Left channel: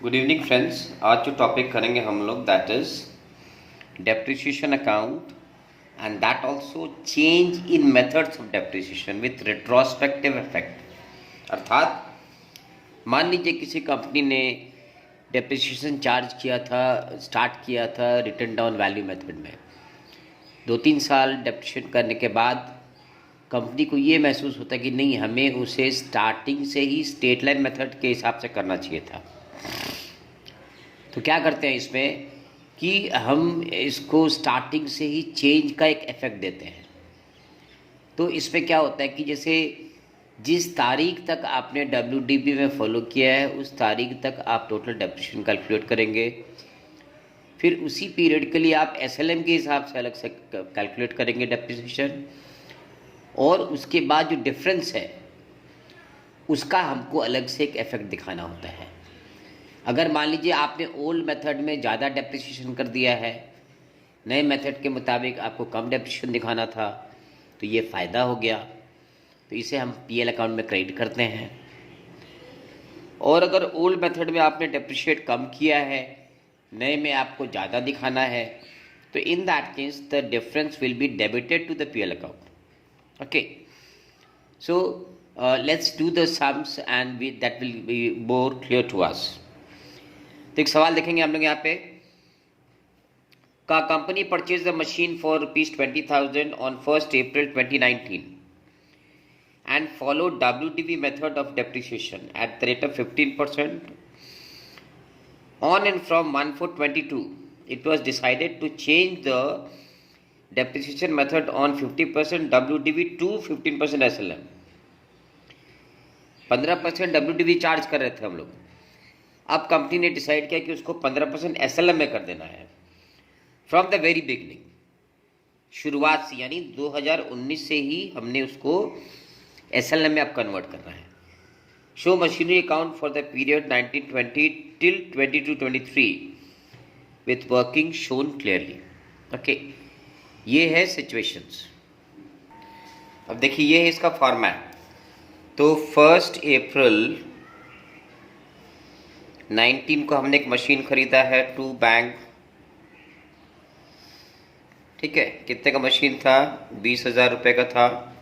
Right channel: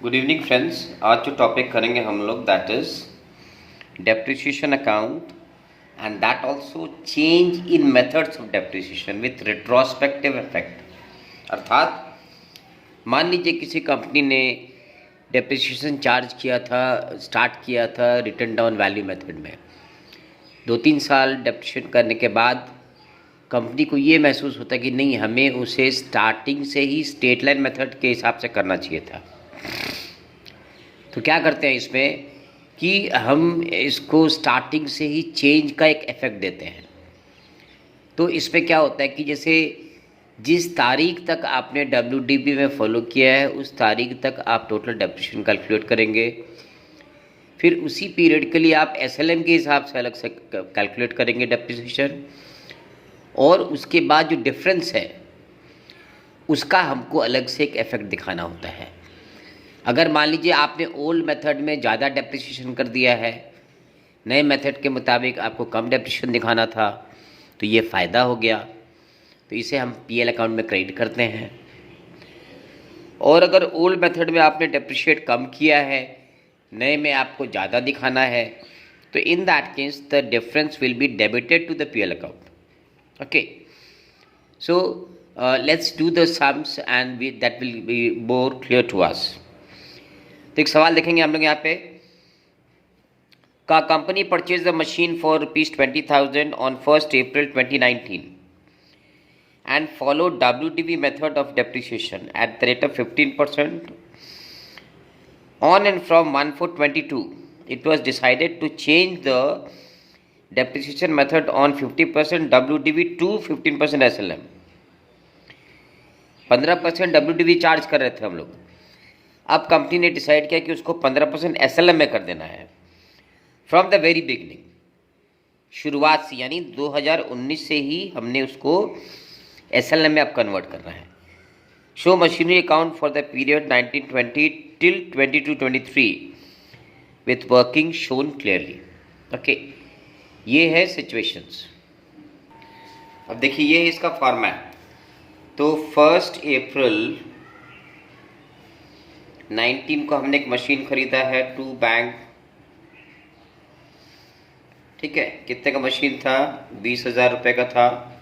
Good evening friends. आज जो topic करेंगे हम लोग that is depreciation account and that also change in methods of depreciation with retrospective effect. अर्थात मान लीजिए किसी कंपनी ने डेप्रिसिएशन चार्ज किया था, स्टार्ट किया था रिटर्न डाउन वैल्यू मेथड में। 2-3 साल डेप्रिसिएशन करने के बाद कंपनी को ये महसूस होता है कि नहीं, हमें उसे स्टार्टिंग से ही स्ट्रेट लाइन मेथड के हिसाब से करना चाहिए था। तो क्या करते हैं इसमें कि हम इसको स्टार्टिंग से ही चेंज का एक इफेक्ट देते हैं। तो इसमें क्या होता है कि जैसे जिस तारीख तक आपने WDB में फॉलो किया है उस तारीख तक आप टोटल डेप्रिसिएशन कैलकुलेट करेंगे। फिर उसी पीरियड के लिए आप SLM के हिसाब से अलग से कैलकुलेट करेंगे डेप्रिसिएशन, और उसके बाद जो डिफरेंस है उसका हमको अलग से एक इफेक्ट दिखाना होता है। अगर मान लीजिए आपने ओल्ड मेथड में ज़्यादा डेप्रिसिएशन कर दिया है, नए मेथड के मुताबिक आपको कम डेप्रिसिएशन दिखाना था, तो ये फ़ायदा हो गया, तो इसे हम PL अकाउंट में क्रेडिट करते हैं। और अगर ओल्ड मेथड में आपने डेप्रिशिएट कम किया है, नए में आपको ज़्यादा दिखाना है, तो in that case the difference will be debited to the PL account. Okay, so let's do the sums and that will be more clear to us. तो एक सवाल देखेंगे हम लोग यहाँ पे। का company purchase the machine for ₹20,000 on 1 April 2019 and follow WDV method of depreciation at the rate of 15%. On and from 1/4/22, it was decided to change the depreciation method on 50% WDV to 15% SLM. 15% WDV charge कर रहे थे हम लोग। अब company ने decide किया कि उसको 15% SLM में कर देना है फ्रॉम द वेरी बिगनिंग, शुरुआत से, यानी 2019 से ही हमने उसको SLM में अब कन्वर्ट करना है। Show machinery account for the period 1920 till 22-23 with working shown clearly. Okay, ये है सिचुएशंस। अब देखिए ये है इसका फॉर्मेट। तो 1 April 19 को हमने एक मशीन खरीदा है, 2 बैंक, ठीक है। कितने का मशीन था? 20,000 रुपये का था।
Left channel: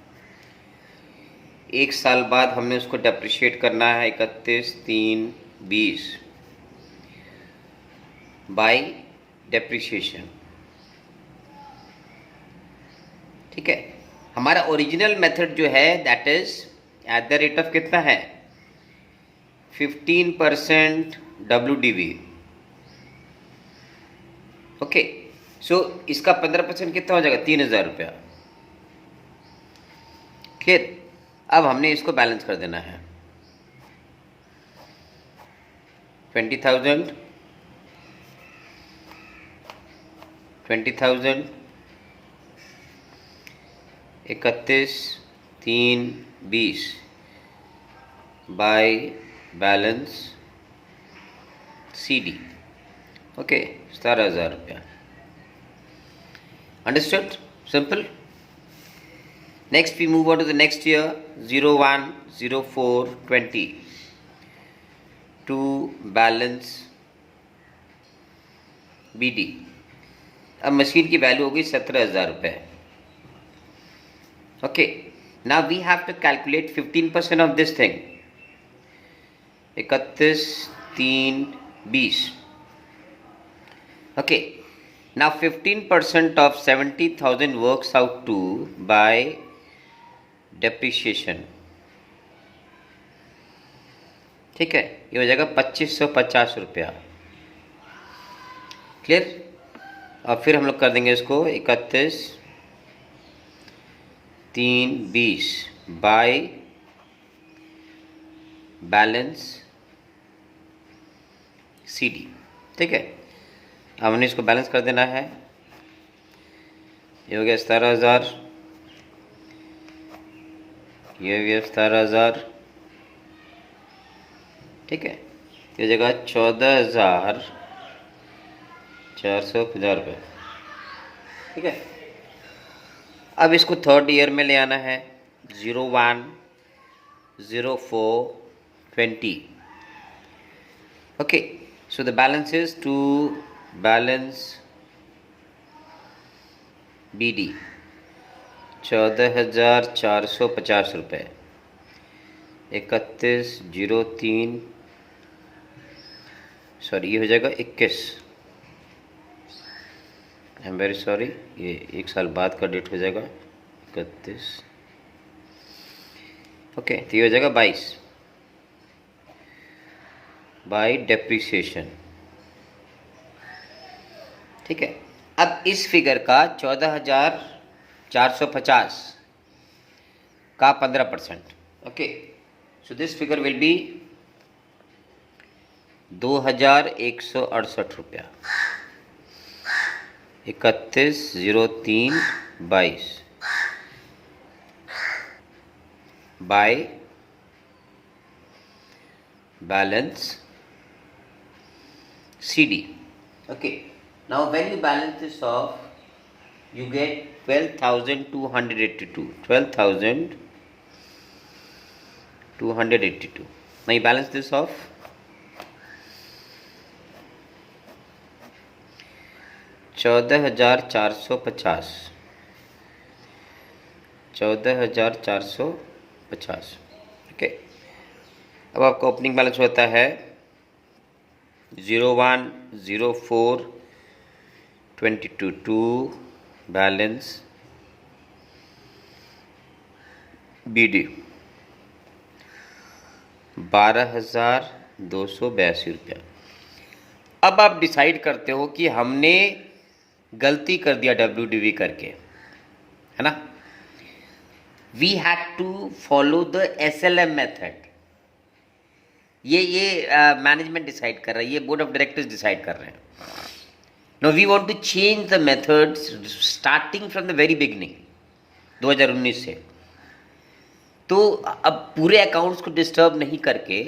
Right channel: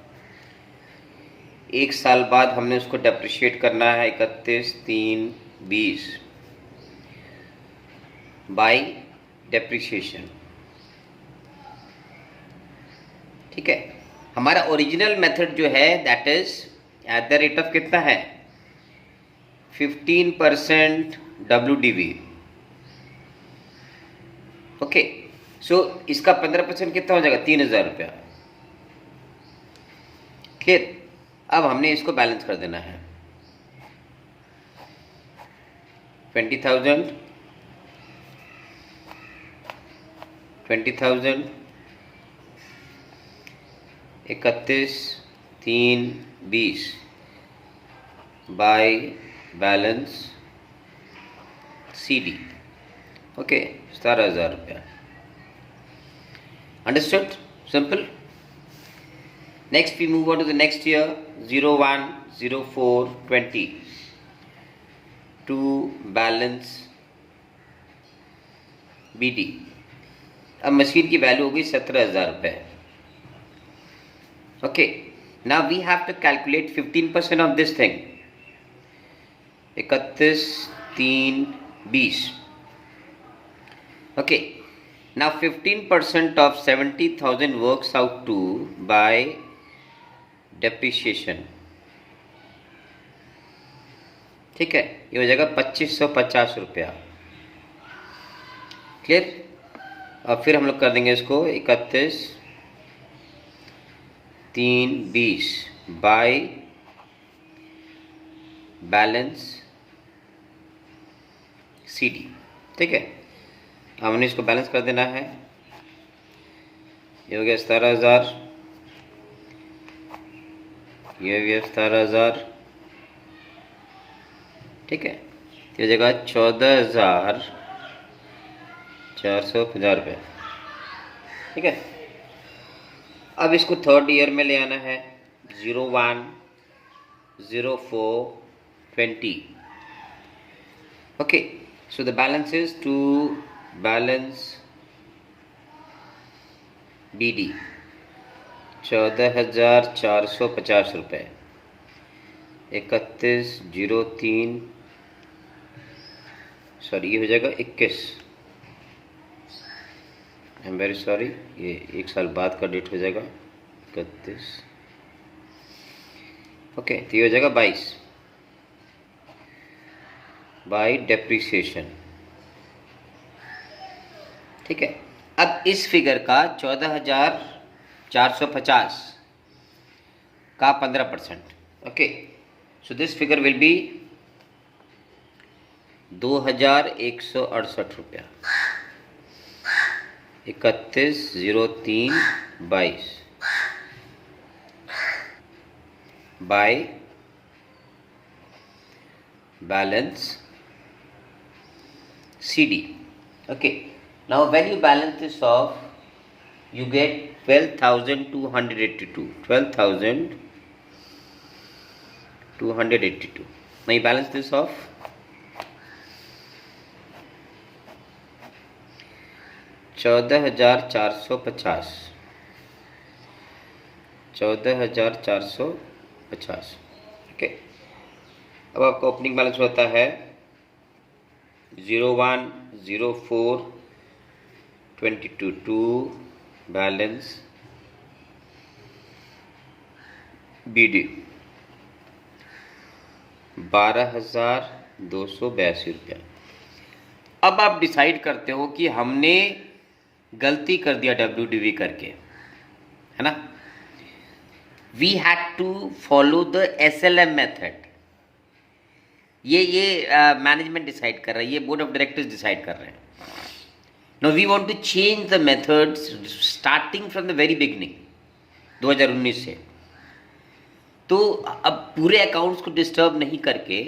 1 साल बाद हमने उसको डेप्रिशिएट करना है 31/3/20 बाय डेप्रिशिएशन, ठीक है। हमारा ओरिजिनल मेथड जो है that is at the rate of कितना है? 15% WDV। ओके, सो इसका 15% कितना हो जाएगा? 3,000 रुपया। क्लियर? अब हमने इसको बैलेंस कर देना है। 20,000 31/3/20 बाय बैलेंस CD। ओके, 17,000 रुपया। Understood? Simple. Next we move on to the next year, 01/04/20 to balance BD। अब मशीन की वैल्यू होगी 17,000 रुपये। Okay, now we have to calculate 15% of this thing, 31/3/20। okay, now 15% of 70,000 works out to by depreciation, ठीक है। ये हो जाएगा 2,550 रुपया। क्लियर? अब फिर हम लोग कर देंगे इसको 31/3/20 बाय बैलेंस CD, ठीक है। अब हमने इसको बैलेंस कर देना है। ये हो गया 17,000, ये हो गया 17,000, ठीक है। ये हो जाएगा 14,450 रुपये, ठीक है। अब इसको थर्ड ईयर में ले आना है, 01/04/20। Okay, So the balance is to balance BD 14,450 रुपये, 31/03, सॉरी ये हो जाएगा 21, आई एम वेरी सॉरी, ये एक साल बाद का डेट हो जाएगा 31, ओके, तो ये हो जाएगा 22 बाय डेप्रिसिएशन। ठीक है, अब इस फिगर का 14,450 का 15%, okay, so this figure will be 2,168 रुपया, 31/03/22 bye balance CD. Okay, now when you balance this off, you get 12,282. 12,282. Now you balance this off. 14,450. 14,450. Okay. अब आपका ओपनिंग बैलेंस होता है 010422 बैलेंस BD 12,282 रुपया। अब आप डिसाइड करते हो कि हमने गलती कर दिया WDV करके, है ना। We had to follow the SLM method. ये मैनेजमेंट डिसाइड कर रहा है, ये बोर्ड ऑफ डायरेक्टर्स डिसाइड कर रहे हैं। No we want to change the methods starting from the very beginning 2019 से। तो अब पूरे अकाउंट्स को डिस्टर्ब नहीं करके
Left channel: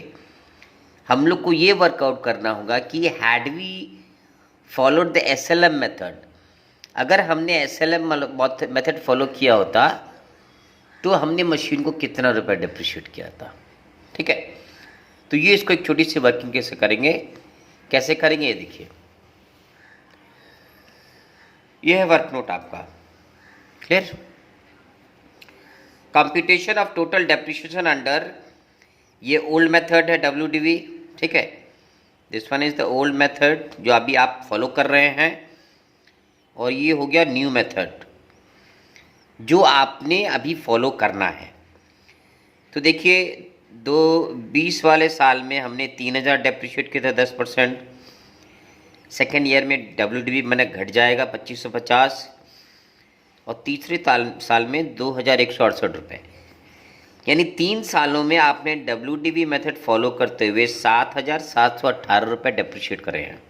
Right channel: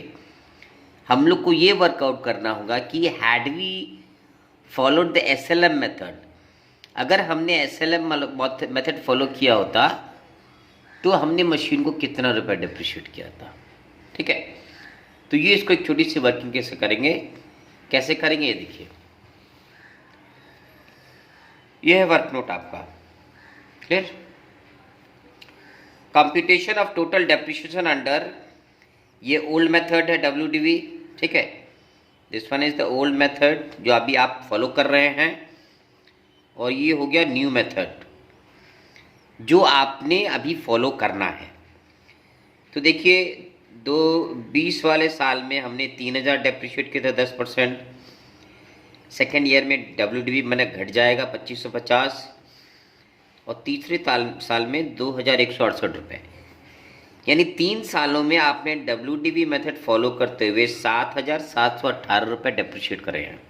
हम लोग को ये वर्कआउट करना होगा कि had we followed the SLM method, अगर हमने SLM मेथड फॉलो किया होता तो हमने मशीन को कितना रुपया डिप्रिशिएट किया था। ठीक है, तो ये इसको एक छोटी सी वर्किंग कैसे करेंगे ये देखिए। ये है वर्क नोट आपका, clear. Computation of total depreciation under, ये ओल्ड मेथड है WDV, ठीक है। This one is the old method जो अभी आप फॉलो कर रहे हैं, और ये हो गया न्यू मेथड जो आपने अभी फॉलो करना है। तो देखिए 2020 वाले साल में हमने 3,000 डेप्रिशिएट किया था 10%। सेकेंड ईयर में WDV मैंने घट जाएगा 2,550, और तीसरे साल में 2,168 रुपये। यानी 3 सालों में आपने WDV मेथड फॉलो करते हुए 7,718 रुपये डेप्रिशिएट करे हैं।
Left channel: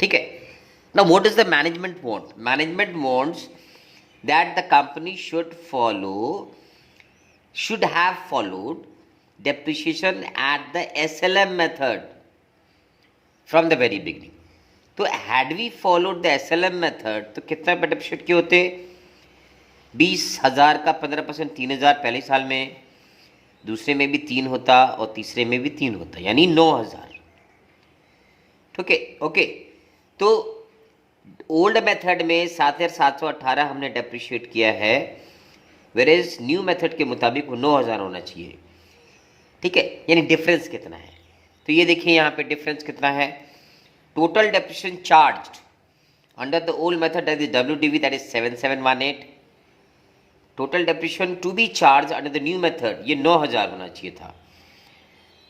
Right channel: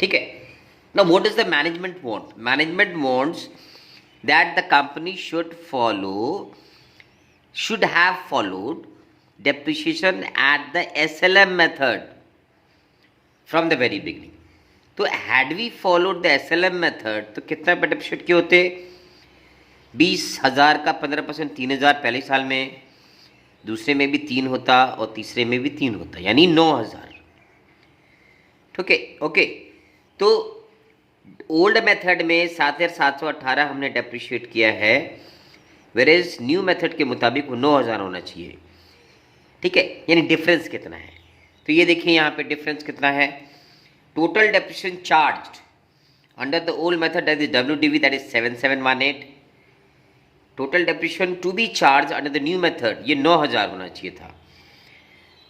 ठीक है, now what is the management want? Management wants that the company should have followed depreciation at the SLM method from the very beginning. तो had we followed the SLM method तो कितना पे डेप्रिशिएट किए होते? 20,000 का 15%, 3,000 पहले साल में, दूसरे में भी 3 होता और तीसरे में भी 3 होता, यानी 9,000। ठीक है, ओके। तो ओल्ड मेथड में 7,718 हमने डेप्रिशिएट किया है, वेरेज न्यू मेथड के मुताबिक वो 9,000 होना चाहिए। ठीक है, यानी डिफरेंस कितना है? तो ये देखिए यहाँ पे डिफरेंस कितना है। Total depreciation charged under the old method that is WDV, that is 7,718। Total depreciation to be charge under the new method, ये 9,000 होना चाहिए था।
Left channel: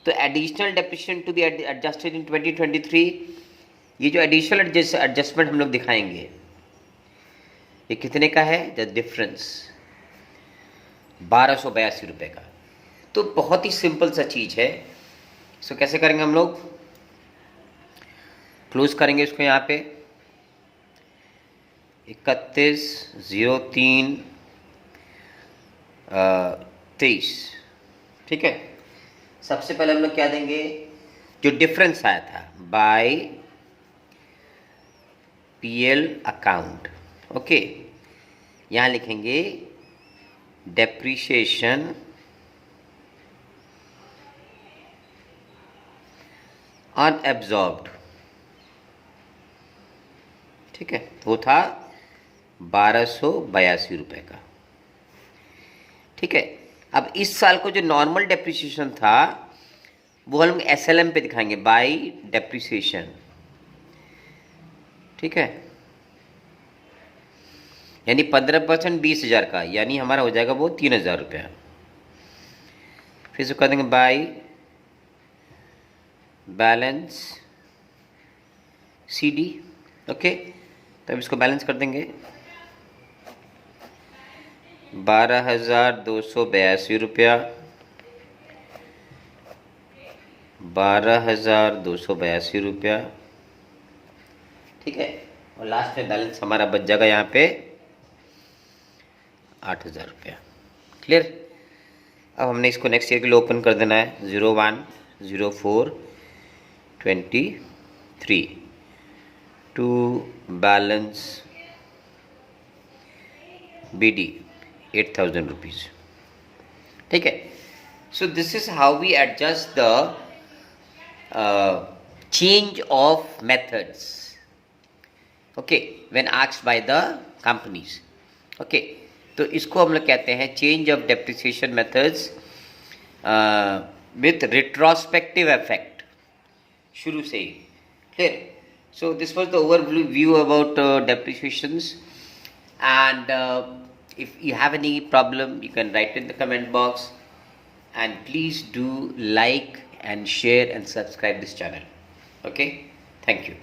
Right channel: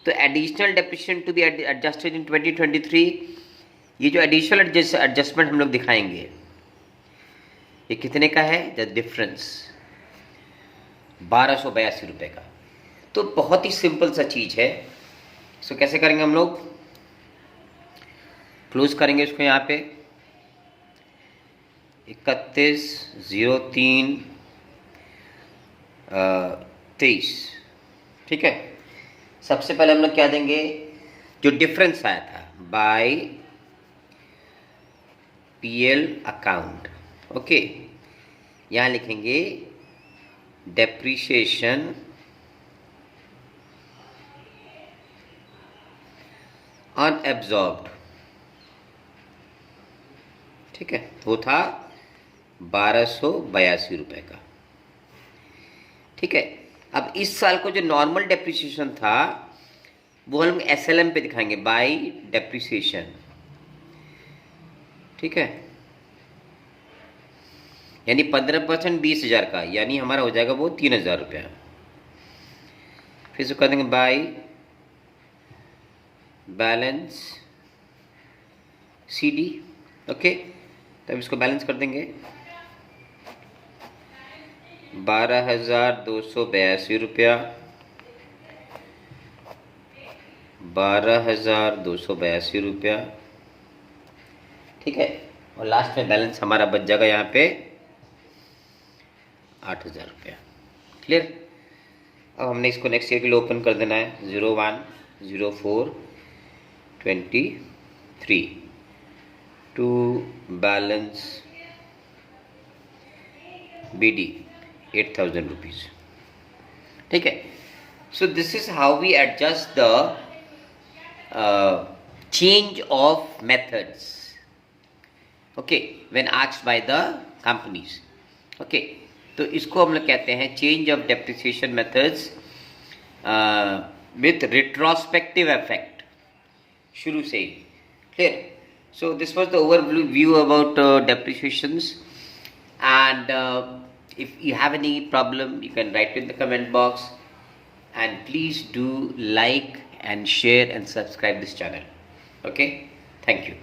तो additional depreciation to be adjusted in 2023, ये जो एडिशनल एडजस्टमेंट हम लोग दिखाएंगे ये कितने का है? द डिफरेंस 1,282 रुपये का। तो बहुत ही सिंपल सा चीज़ है। सो कैसे करेंगे हम लोग? क्लोज करेंगे इसको यहाँ पे 31/03/23। ठीक है, सबसे पहले हम लोग क्या देंगे? जो डिफरेंस आया था बाय PL अकाउंट। ओके, यहाँ लिखेंगे डेप्रिसिएशन अनएब्जॉर्ब्ड, ठीक है, वो था 1282 रुपए का, ठीक है। अब इस साल को जो नॉर्मल डेप्रिसिएशन था वो हम एसएलएम पे दिखाएंगे, बाय डेप्रिसिएशन, ठीक है। यानी 15% 20,000 का, यानी हमारा हो जाएगा वो 3,000 रुपया। फिर से कर देंगे बाय बैलेंस सीडी, ओके। तब इसको बैलेंस कर देंगे, 12,282 रुपया, 12,282 रुपया, ठीक है। और लास्ट में बैलेंस हमारा बच जाएगा यहाँ पे 8,000 रुपया, क्लियर। अब हमने इसको नेक्स्ट ईयर के लिए ओपन कर देना है, 01/04/23 टू बैलेंस BD 8,000 रुपीज, ठीक है। So this is how we adjust the change of methods, okay, when asked by the companies, okay. तो इसको हम लोग कहते हैं change of depreciation methods with retrospective effect, शुरू से ही, clear. So this was the overview about depreciations, and if you have any problem you can write in the comment box, and please do like and share and subscribe this channel, okay. Thank you.